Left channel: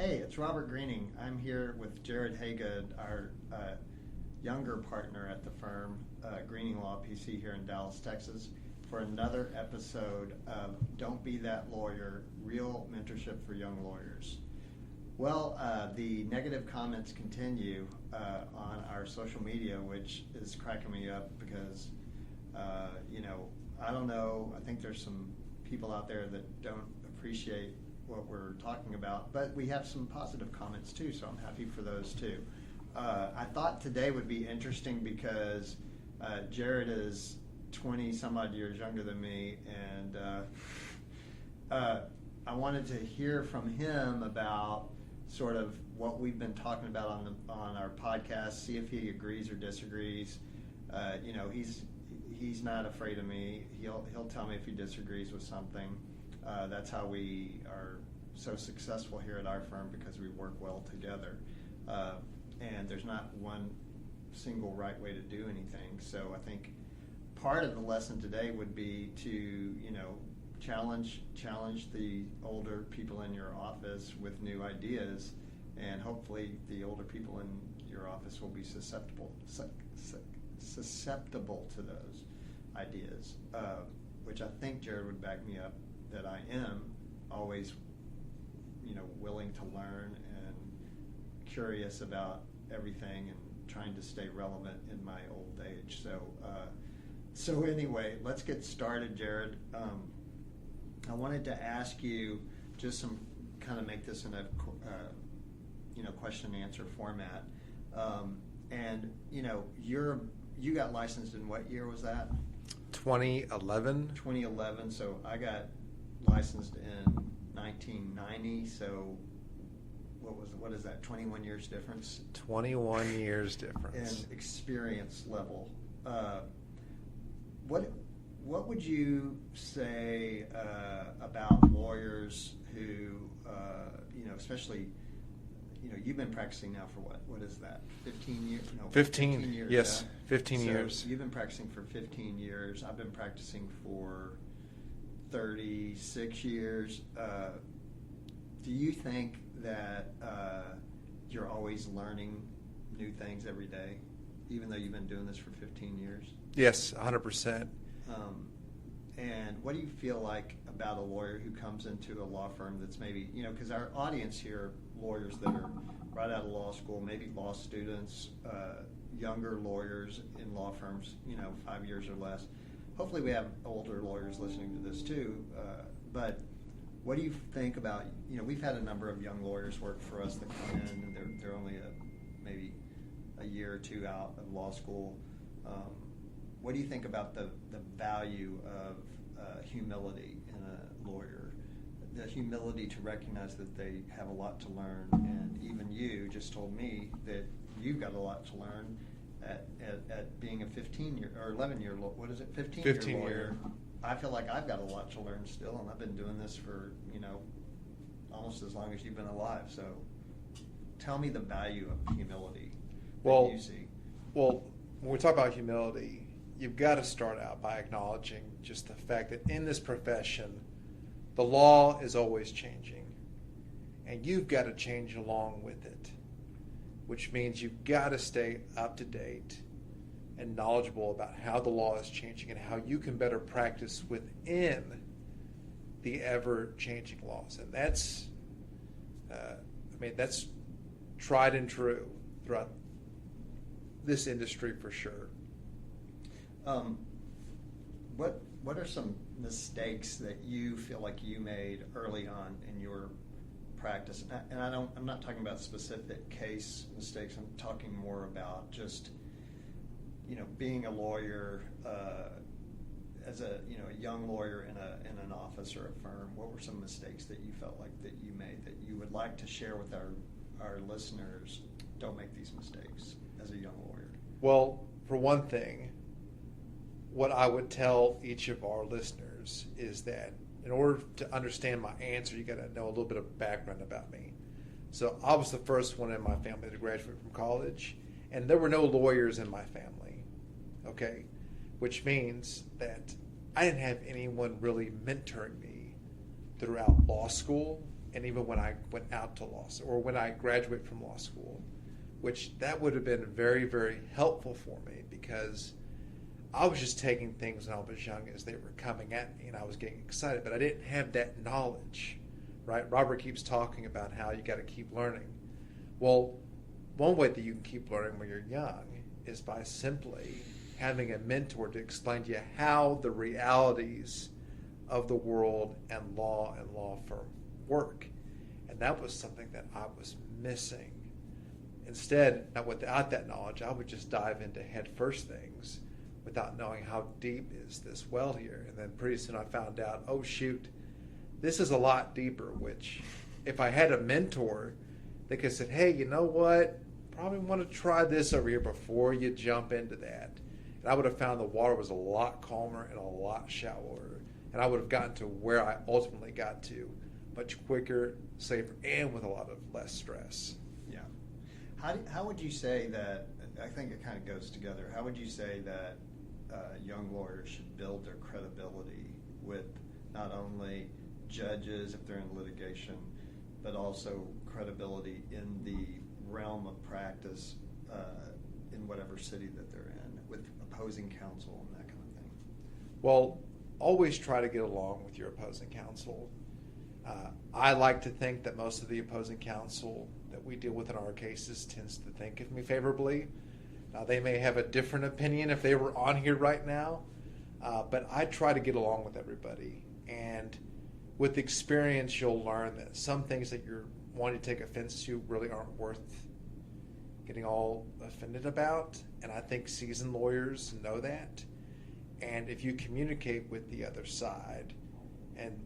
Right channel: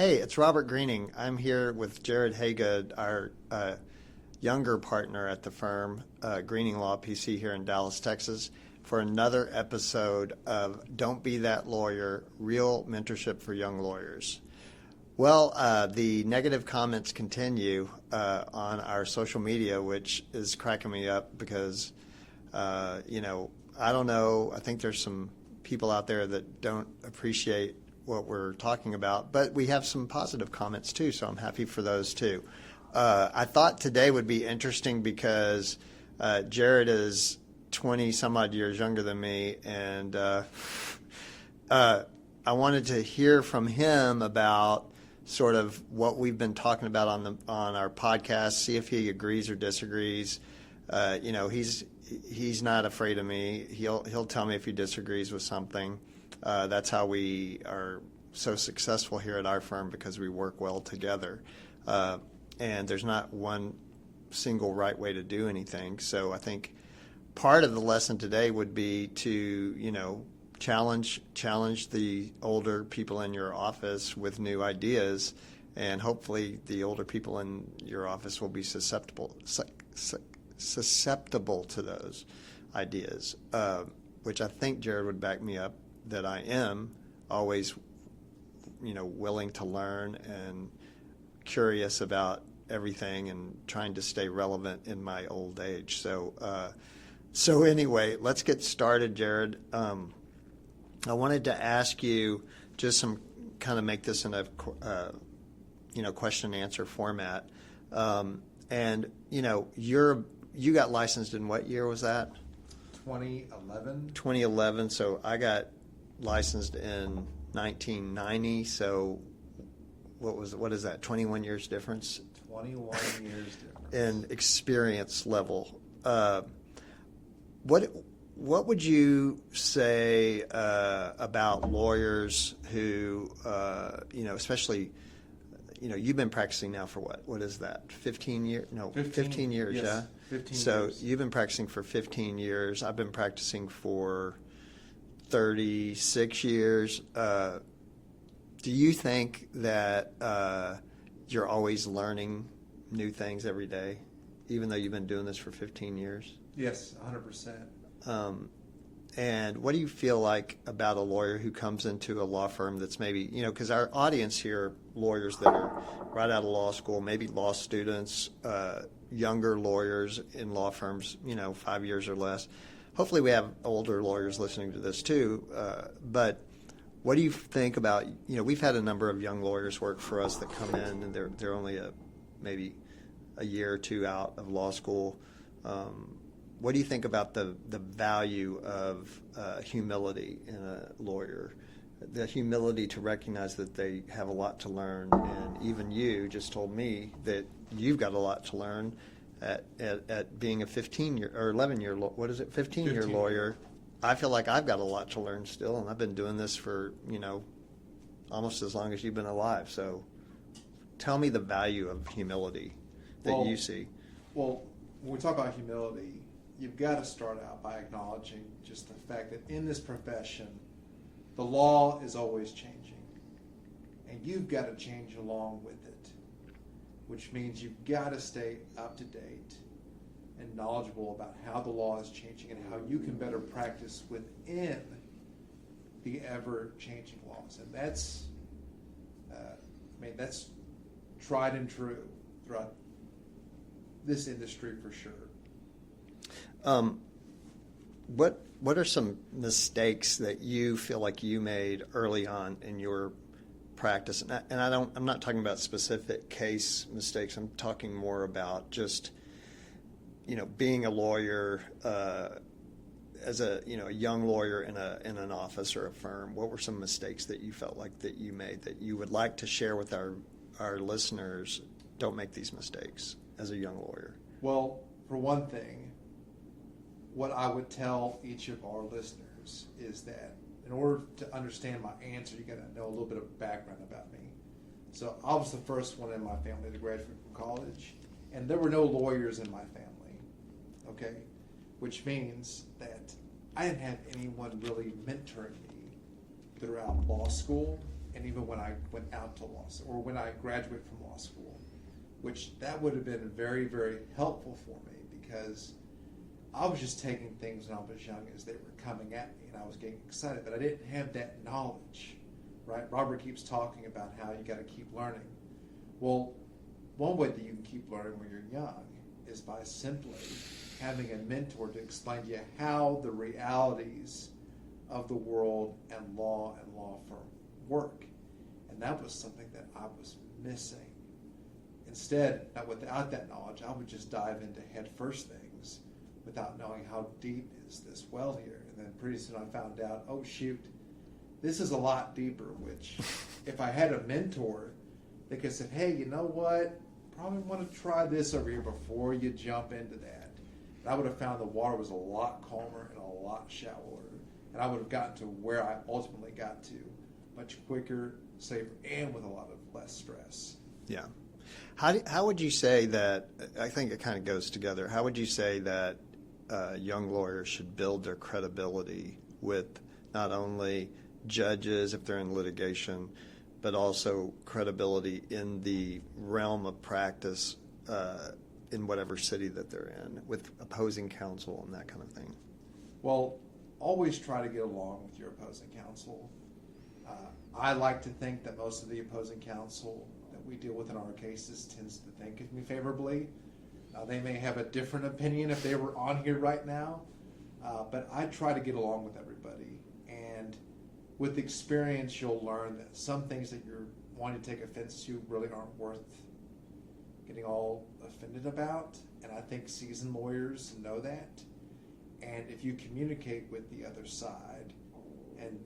Hey, it's Robert Greening. I'm here with Jared Hagood, our younger partner at the firm, Greening Law PC here in Dallas, Texas, for another episode of Don't Be That Lawyer, Real Mentorship for Young Lawyers. Well, the negative comments continue on our social media, which is cracking me up because, I don't know. I think there's some people out there that don't appreciate what we're talking about, but we have some positive comments too, so I'm happy for those too. I thought today would be interesting because Jared is 20 some odd years younger than me, and I wanted to hear from him about sort of what we've been talking about on our podcast, see if he agrees or disagrees. He's not afraid of me. He'll tell me if he disagrees with something. That's how we are so successful here at our firm, because we work well together. And there's not one single right way to do anything. So I think part of the lesson today would be to, challenge the older people in your office with new ideas, and hopefully the older people in your office will be susceptible to those ideas, which I think Jared would back me up that I am always, willing to learn and curious about everything and trying to stay relevant in my old age. So anyway, let's get started, Jared. I wanted to ask you just make this in a question and answer format. You got licensed in what year was that? 2011. 2011. So I got licensed in 1990. So what is that? 21 years difference? 21 years difference. In experience level. What would you say about lawyers who, especially, you've been practicing now for what? What is that? 15 years? No, 15 years. Yes, yeah? 15 years. So you've been practicing for 15 years. I've been practicing for 36 years. Do you think that you're always learning new things every day, even though you've been doing this for 15 years? Yes, 100%. And what do you feel like about a lawyer who comes into a law firm that's maybe, because our audience here, lawyers that are right out of law school, maybe law students, younger lawyers in law firms, 5 years or less. Hopefully we have older lawyers listening to this too. But what do you think about, we've had a number of young lawyers work for us that come in and they're only maybe a year or two out of law school. What do you think about the value of humility in a lawyer? The humility to recognize that they have a lot to learn, and even you just told me that you've got a lot to learn at being a 15-year or 11-year, 15-year lawyer. I feel like I've got a lot to learn still, and I've been doing this for, almost as long as you've been alive. So tell me the value of humility that you see. Well, when we talk about humility, you've got to start out by acknowledging just the fact that in this profession, the law is always changing, and you've got to change along with it, which means you've got to stay up to date and knowledgeable about how the law is changing and how you can better practice within the ever-changing laws. And that's, that's tried and true throughout this industry for sure. What are some mistakes that you feel like you made early on in your practice? And I'm not talking about specific case mistakes. I'm talking more about just, being a lawyer as a young lawyer in an office or a firm. What were some mistakes that you felt like that you made that you would like to share with our listeners? Don't make these mistakes as a young lawyer. Well, for one thing, what I would tell each of our listeners is that in order to understand my answer, you got to know a little bit of background about me. So I was the first one in my family to graduate from college, and there were no lawyers in my family, okay? Which means that I didn't have anyone really mentoring me throughout law school and even when I went out to law school, or when I graduated from law school, which that would have been very, very helpful for me, because I was just taking things when I was young as they were coming at me, and I was getting excited, but I didn't have that knowledge, right? Robert keeps talking about how you got to keep learning. Well, one way that you can keep learning when you're young is by simply having a mentor to explain to you how the realities of the world and law firm work. And that was something that I was missing. Instead, without that knowledge, I would just dive into head first things without knowing how deep is this well here. And then pretty soon I found out, oh shoot, this is a lot deeper, which if I had a mentor, they could have said, hey, you know what? Probably want to try this over here before you jump into that. And I would have found the water was a lot calmer and a lot shallower. And I would have gotten to where I ultimately got to much quicker, safer, and with a lot of less stress. Yeah. How would you say that, I think it kind of goes together, how would you say that young lawyers should build their credibility with not only judges if they're in litigation, but also credibility in the realm of practice in whatever city that they're in, with opposing counsel and that kind of thing? Well, always try to get along with your opposing counsel. I like to think that most of the opposing counsel that we deal with in our cases tends to think of me favorably. They may have a different opinion if they were on here right now, but I try to get along with everybody. And with experience, you'll learn that some things that you're wanting to take offense to really aren't worth getting all offended about. And I think seasoned lawyers know that. And if you communicate with the other side and,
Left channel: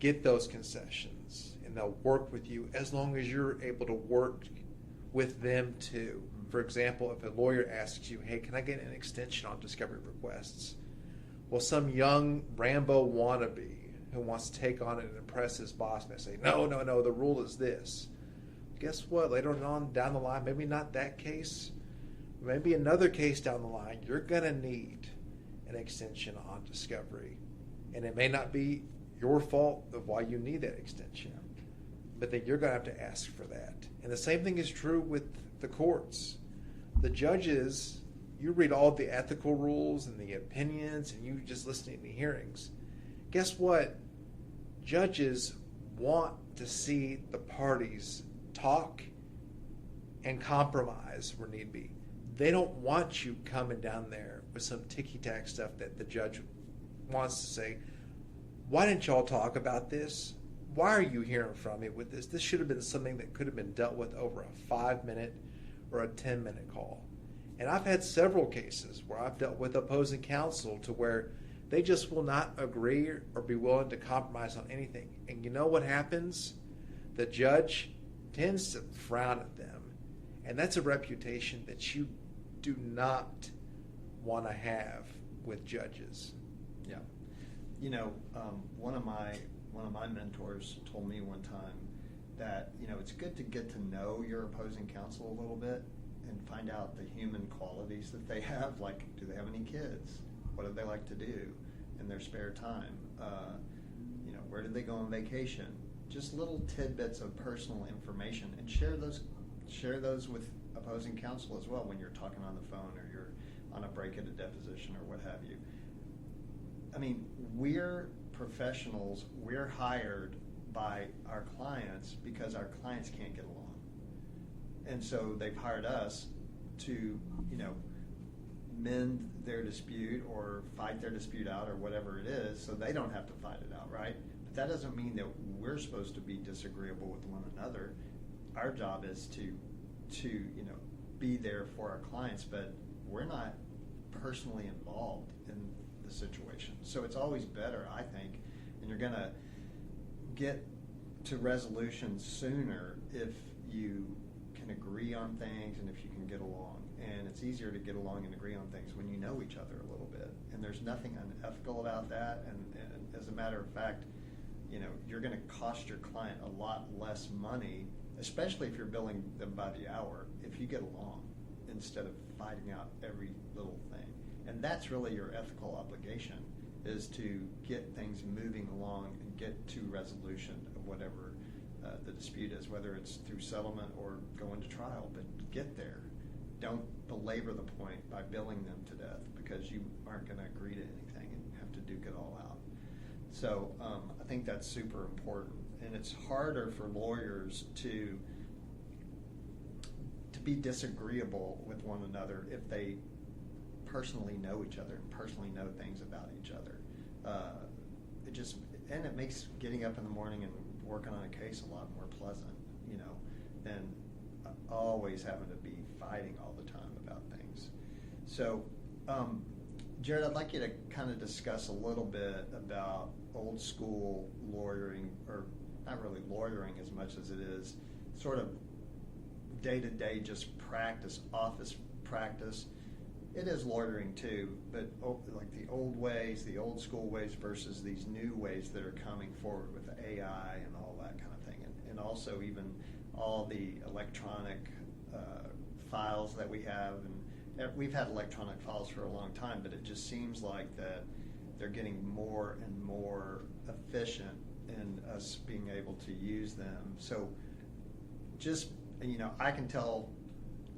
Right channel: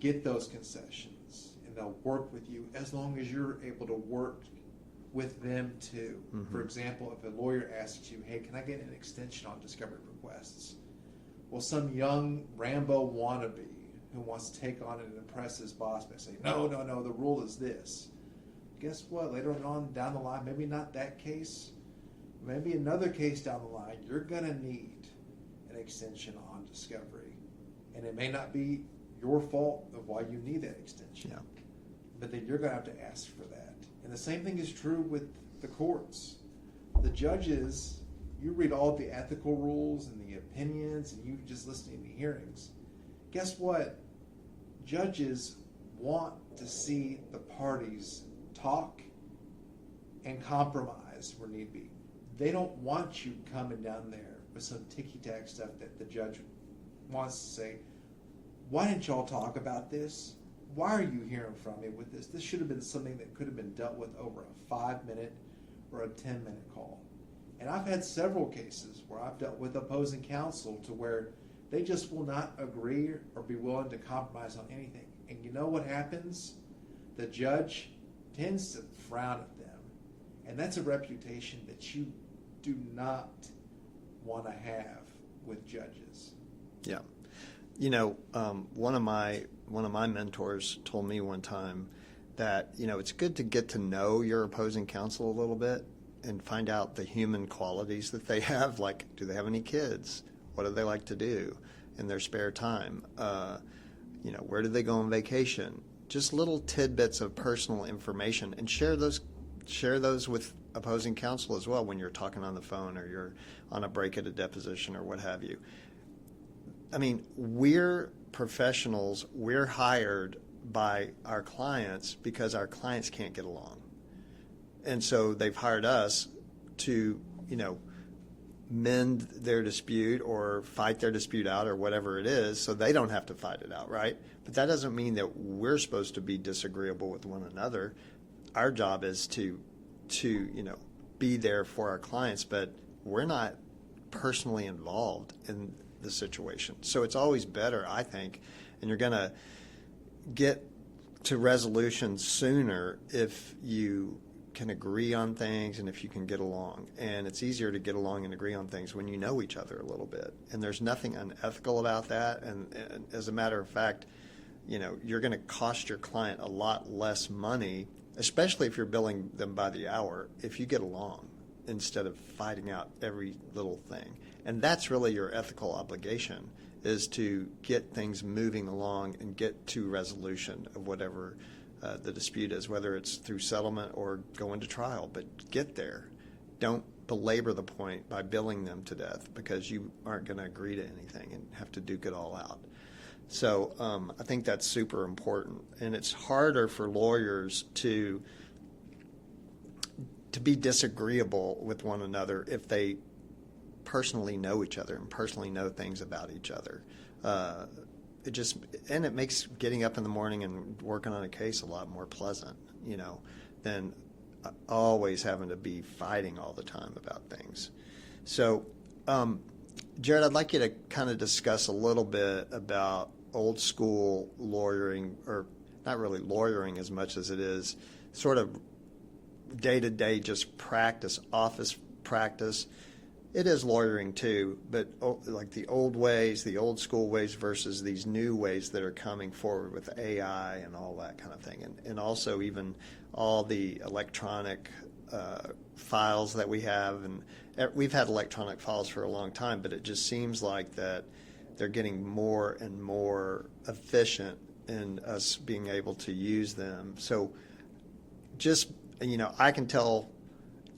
get those concessions, and they'll work with you as long as you're able to work with them too. Mm-hmm. For example, if a lawyer asks you, hey, can I get an extension on discovery requests? Well, some young Rambo wannabe who wants to take on it and impress his boss may say, no, the rule is this. Guess what? Later on down the line, maybe not that case, maybe another case down the line, you're going to need an extension on discovery. And it may not be your fault of why you need that extension. Yeah. But then you're going to have to ask for that. And the same thing is true with the courts. The judges, you read all the ethical rules and the opinions, and you just listen to hearings. Guess what? Judges want to see the parties talk and compromise where need be. They don't want you coming down there with some ticky-tack stuff that the judge wants to say, why didn't y'all talk about this? Why are you hearing from me with this? This should have been something that could have been dealt with over a 5-minute or a 10-minute call. And I've had several cases where I've dealt with opposing counsel to where they just will not agree or be willing to compromise on anything. And you know what happens? The judge tends to frown at them. And that's a reputation that you do not want to have with judges. Yeah. One of my mentors told me one time that, it's good to get to know your opposing counsel a little bit and find out the human qualities that they have. Like, do they have any kids? What do they like to do in their spare time? Where do they go on vacation? Just little tidbits of personal information, and share those with opposing counsel as well when you're talking on the phone or you're on a break at a deposition or what have you. I mean, we're professionals. We're hired by our clients because our clients can't get along. And so they've hired us to, mend their dispute or fight their dispute out or whatever it is, so they don't have to fight it out, right? But that doesn't mean that we're supposed to be disagreeable with one another. Our job is to be there for our clients, but we're not personally involved in the situation. So it's always better, I think, and you're going to get to resolution sooner if you can agree on things and if you can get along. And it's easier to get along and agree on things when you know each other a little bit. And there's nothing unethical about that. And as a matter of fact, you're going to cost your client a lot less money, especially if you're billing them by the hour, if you get along instead of fighting out every little thing. And that's really your ethical obligation, is to get things moving along and get to resolution of whatever the dispute is, whether it's through settlement or going to trial. But get there. Don't belabor the point by billing them to death because you aren't going to agree to anything and have to duke it all out. So I think that's super important. And it's harder for lawyers to be disagreeable with one another if they personally know each other and personally know things about each other. It makes getting up in the morning and working on a case a lot more pleasant, than always having to be fighting all the time about things. So, Jared, I'd like you to kind of discuss a little bit about old school lawyering, or not really lawyering as much as it is sort of day-to-day just practice, office practice. It is lawyering too, but like the old ways, the old school ways versus these new ways that are coming forward with AI and all that kind of thing. And also even all the electronic files that we have. And we've had electronic files for a long time, but it just seems like that they're getting more and more efficient in us being able to use them. So just, I can tell,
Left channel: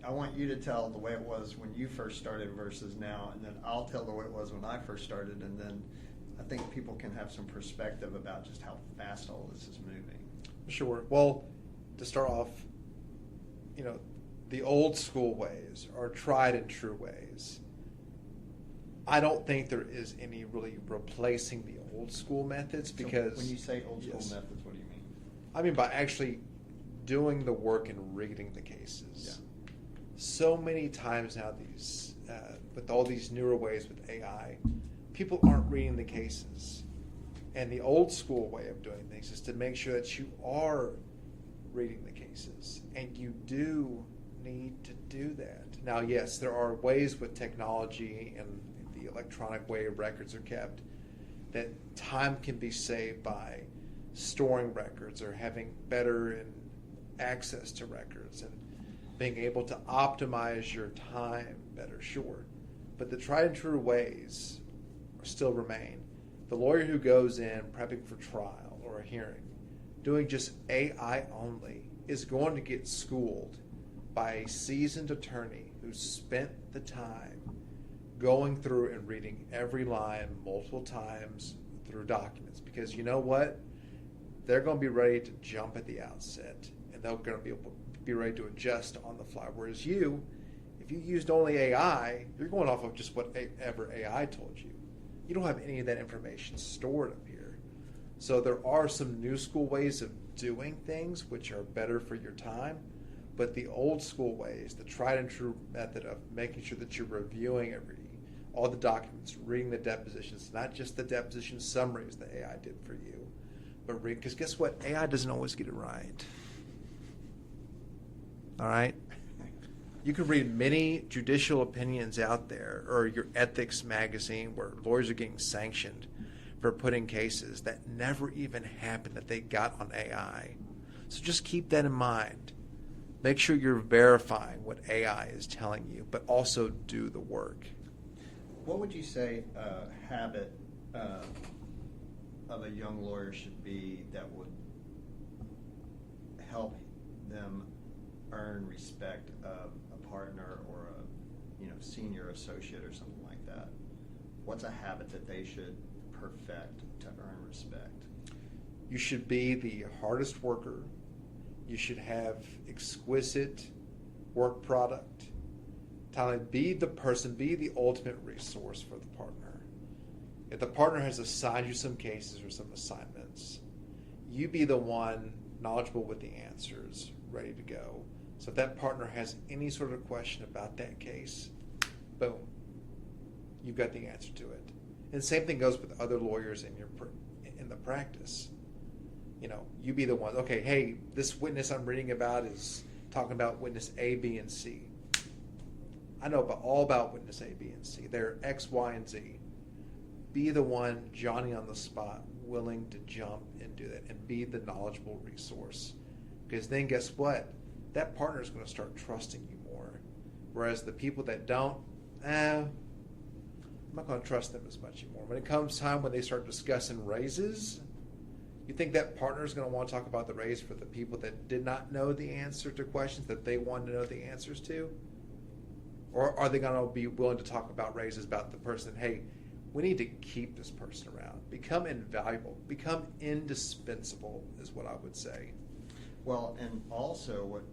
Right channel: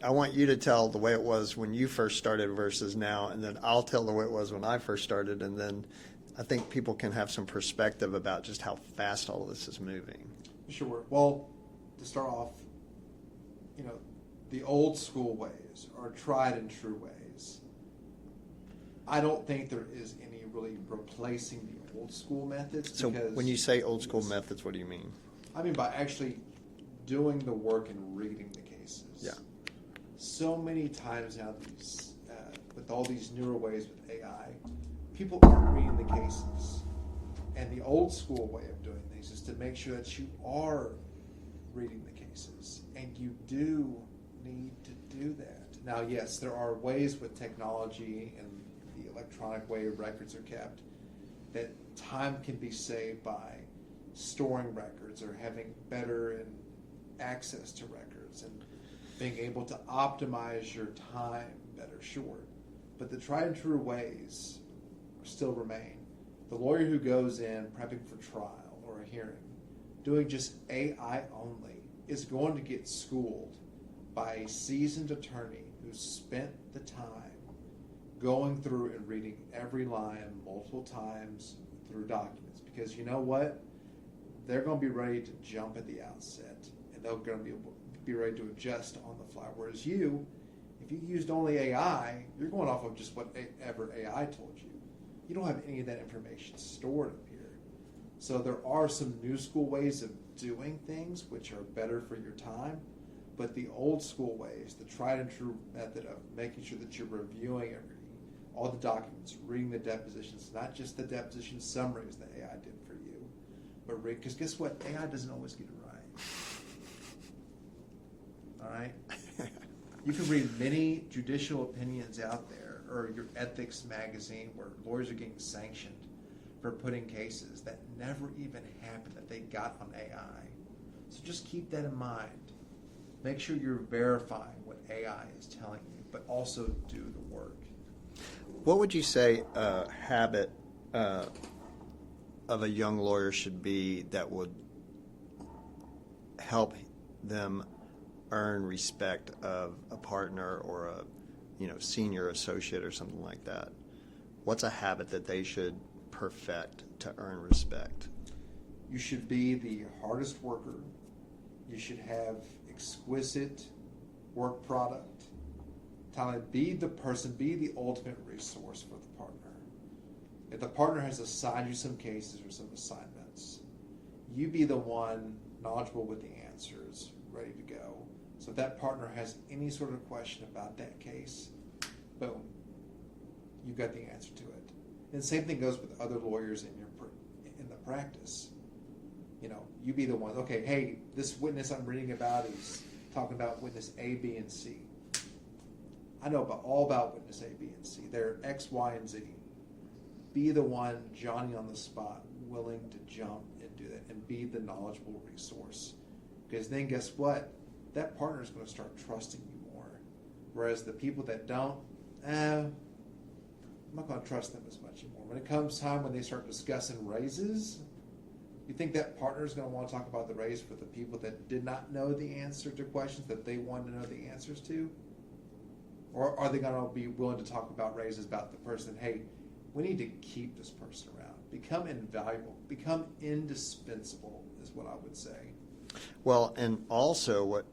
I want you to tell the way it was when you first started versus now, and then I'll tell the way it was when I first started, and then I think people can have some perspective about just how fast all this is moving. Sure. Well, to start off, the old school ways are tried and true ways. I don't think there is any really replacing the old school methods. So because when you say old school methods, what do you mean? I mean by actually doing the work and reading the cases. Yeah. So many times now, with all these newer ways with AI, people aren't reading the cases. And the old school way of doing things is to make sure that you are reading the cases. And you do need to do that. Now, yes, there are ways with technology and the electronic way records are kept that time can be saved by storing records or having better access to records and being able to optimize your time better, sure. But the tried and true ways still remain. The lawyer who goes in prepping for trial or a hearing, doing just AI only, is going to get schooled by a seasoned attorney who spent the time going through and reading every line multiple times through documents. Because you know what? They're going to be ready to jump at the outset, and they're going to be able to be ready to adjust on the fly. Whereas if you used only AI, you're going off of just whatever AI told you. You don't have any of that information stored up here. So there are some new school ways of doing things which are better for your time, but the old school ways, the tried and true method of making sure that you're reviewing all the documents, reading the depositions, not just the deposition summaries that AI did for you, but because guess what? AI doesn't always get it right. All right? You can read many judicial opinions out there, or your ethics magazine where lawyers are getting sanctioned for putting cases that never even happened that they got on AI. So just keep that in mind. Make sure you're verifying what AI is telling you, but also do the work. What would you say a habit of a young lawyer should be that would help them earn respect of a partner or a senior associate or something like that? What's a habit that they should perfect to earn respect? You should be the hardest worker. You should have exquisite work product. Talent, be the person, be the ultimate resource for the partner. If the partner has assigned you some cases or some assignments, you be the one knowledgeable with the answers, ready to go. So if that partner has any sort of question about that case, boom, you've got the answer to it. And the same thing goes with other lawyers in the practice. You be the one, okay, hey, this witness I'm reading about is talking about witness A, B, and C. I know all about witness A, B, and C. They're X, Y, and Z. Be the one, Johnny on the spot, willing to jump and do that, and be the knowledgeable resource. Because then guess what? That partner is going to start trusting you more. Whereas the people that don't, not going to trust them as much anymore. When it comes time when they start discussing raises, you think that partner is going to want to talk about the raise for the people that did not know the answer to questions that they wanted to know the answers to? Or are they going to be willing to talk about raises about the person, hey, we need to keep this person around. Become invaluable. Become indispensable is what I would say. Well, and also what,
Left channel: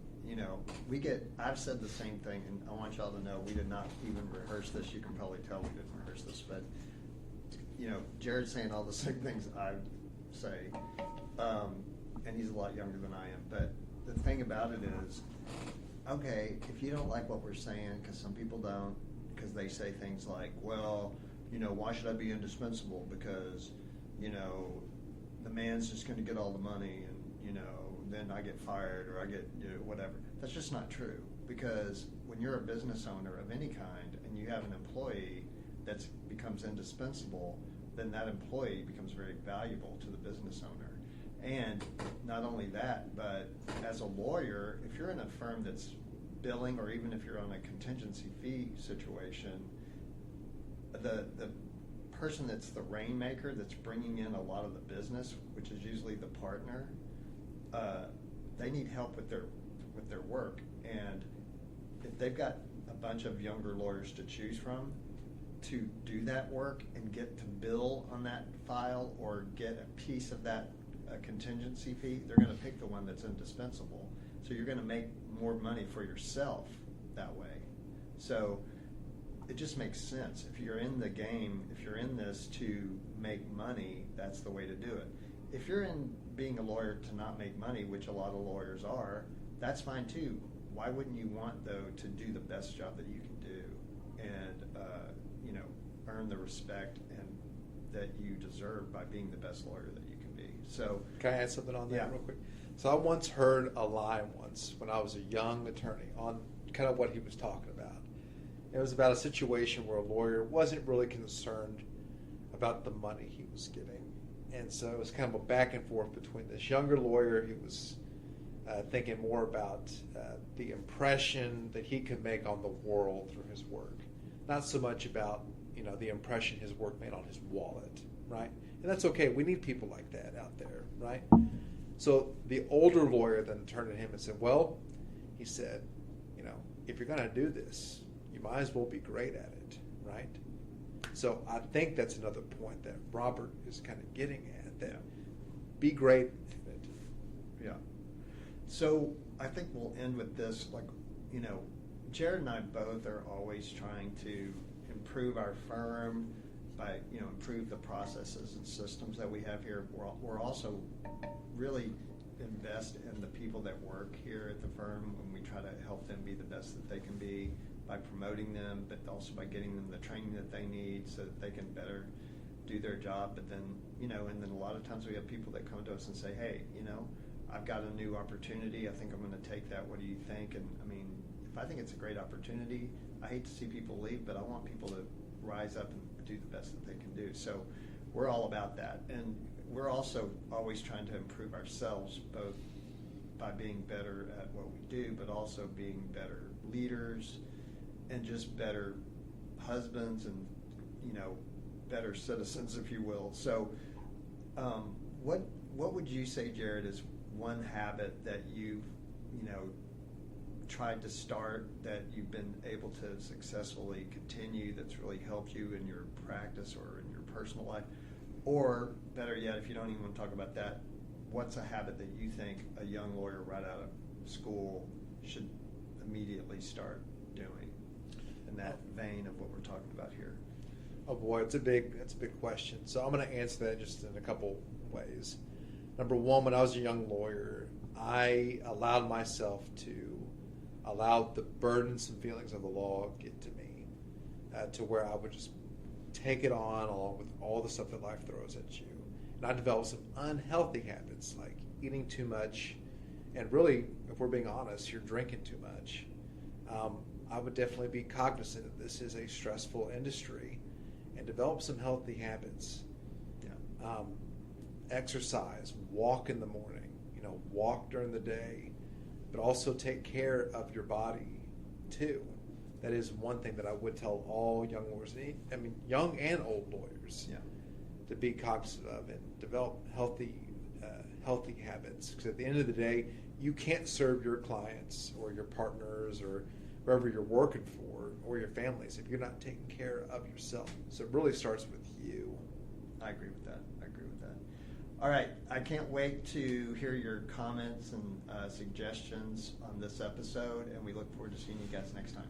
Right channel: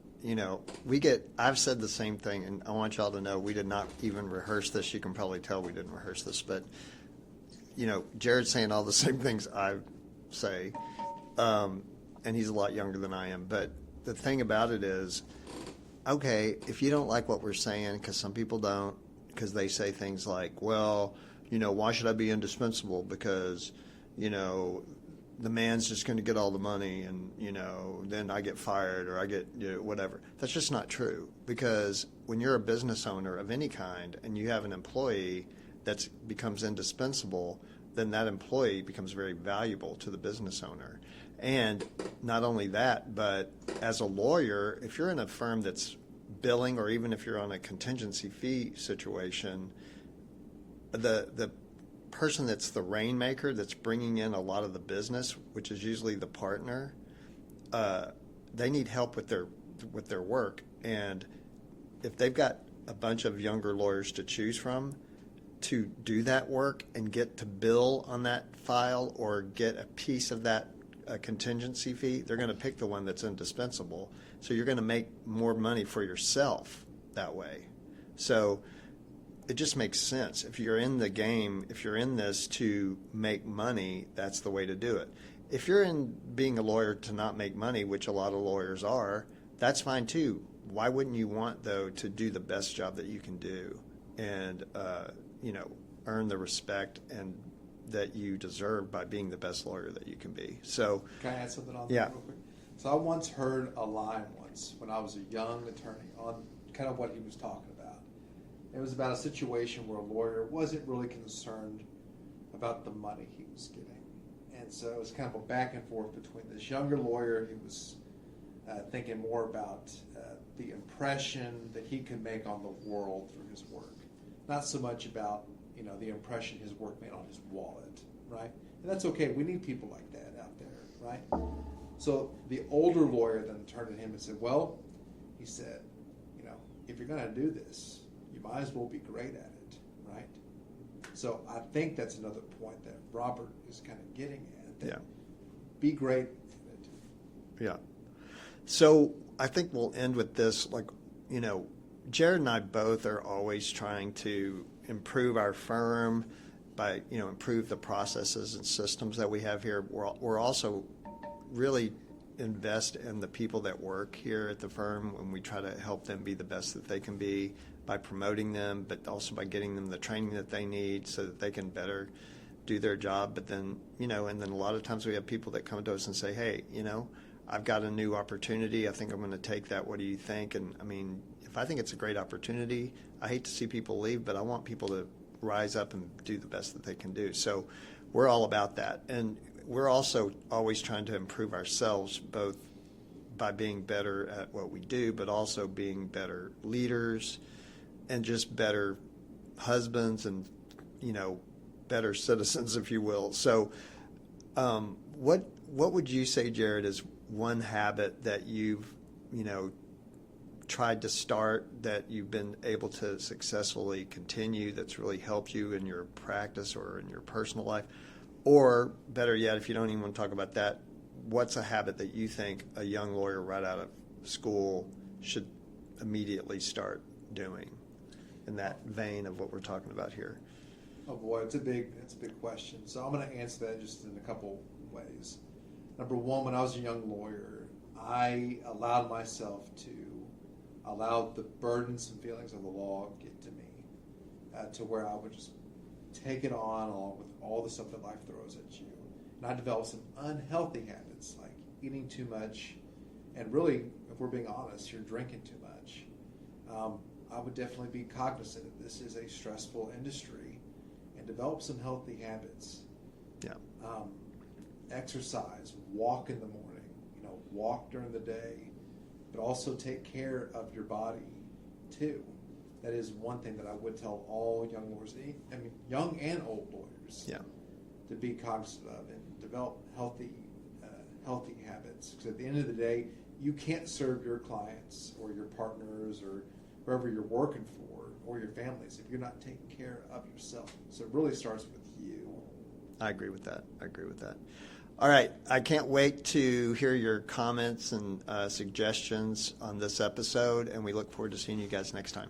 I've said the same thing, and I want y'all to know we did not even rehearse this. You can probably tell we didn't rehearse this, but, Jared's saying all the same things I say, and he's a lot younger than I am. But the thing about it is, okay, if you don't like what we're saying, because some people don't, because they say things like, well, why should I be indispensable? Because, the man's just going to get all the money and, then I get fired or I get whatever. That's just not true, because when you're a business owner of any kind and you have an employee that becomes indispensable, then that employee becomes very valuable to the business owner. And not only that, but as a lawyer, if you're in a firm that's billing, or even if you're on a contingency fee situation, the person that's the rainmaker, that's bringing in a lot of the business, which is usually the partner, they need help with their work. And if they've got a bunch of younger lawyers to choose from to do that work and get to bill on that file or get a piece of that contingency fee, they're going to pick the one that's indispensable. So you're going to make more money for yourself that way. So it just makes sense. If you're in the game, if you're in this to make money, that's the way to do it. If you're in being a lawyer to not make money, which a lot of lawyers are, that's fine too. Why wouldn't you want, though, to do the best job that you can do and, earn the respect and that you deserve by being the best lawyer that you can be? So, can I add something on that yeah. real quick? So I once heard a line when I was a young attorney on kind of what he was talking about. It was about a situation where a lawyer wasn't really concerned about the money he was getting. And so it was kind of a back and forth between this younger lawyer who was thinking more about the impression that he could make on the world through his work. Not so much about, the impression his work made on his wallet, right? And that's okay. We need people like that out there, right? So the older lawyer then turned to him and said, well, he said, if you're going to do this, you might as well be great at it, right? So I think that's another point that Robert is kind of getting at, that be great at it. Yeah. So I think we'll end with this. Jared and I both are always trying to improve our firm by, improve the processes and systems that we have here. We're also really invest in the people that work here at the firm, when we try to help them be the best that they can be by promoting them, but also by getting them the training that they need so that they can better do their job. But then, and then a lot of times we have people that come to us and say, hey, I've got a new opportunity. I think I'm going to take that. What do you think? And if I think it's a great opportunity, I hate to see people leave, but I want people to rise up and do the best that they can do. So we're all about that. And we're also always trying to improve ourselves, both by being better at what we do, but also being better leaders and just better husbands and, better citizens, if you will. So what would you say, Jared, is one habit that you've, tried to start, that you've been able to successfully continue, that's really helped you in your practice or in your personal life? Or better yet, if you don't even want to talk about that, what's a habit that you think a young lawyer right out of school should immediately start doing, in that vein of what we're talking about here? Oh boy, it's a big question. So I'm going to answer that just in a couple ways. Number one, when I was a young lawyer, I allowed myself to allow the burdens and feelings of the law get to me, to where I would just take it on along with all the stuff that life throws at you. And I developed some unhealthy habits like eating too much, and really, if we're being honest, you're drinking too much. I would definitely be cognizant that this is a stressful industry and develop some healthy habits. Yeah. Exercise, walk in the morning, walk during the day, but also take care of your body too. that is one thing that I would tell all young lawyers, I mean, young and old lawyers, Yeah. to be cognizant of and develop healthy habits. Because at the end of the day, you can't serve your clients or your partners or whoever you're working for or your families if you're not taking care of yourself. So it really starts with you. I agree with that. All right. I can't wait to hear your comments and suggestions on this episode, and we look forward to seeing you guys next time.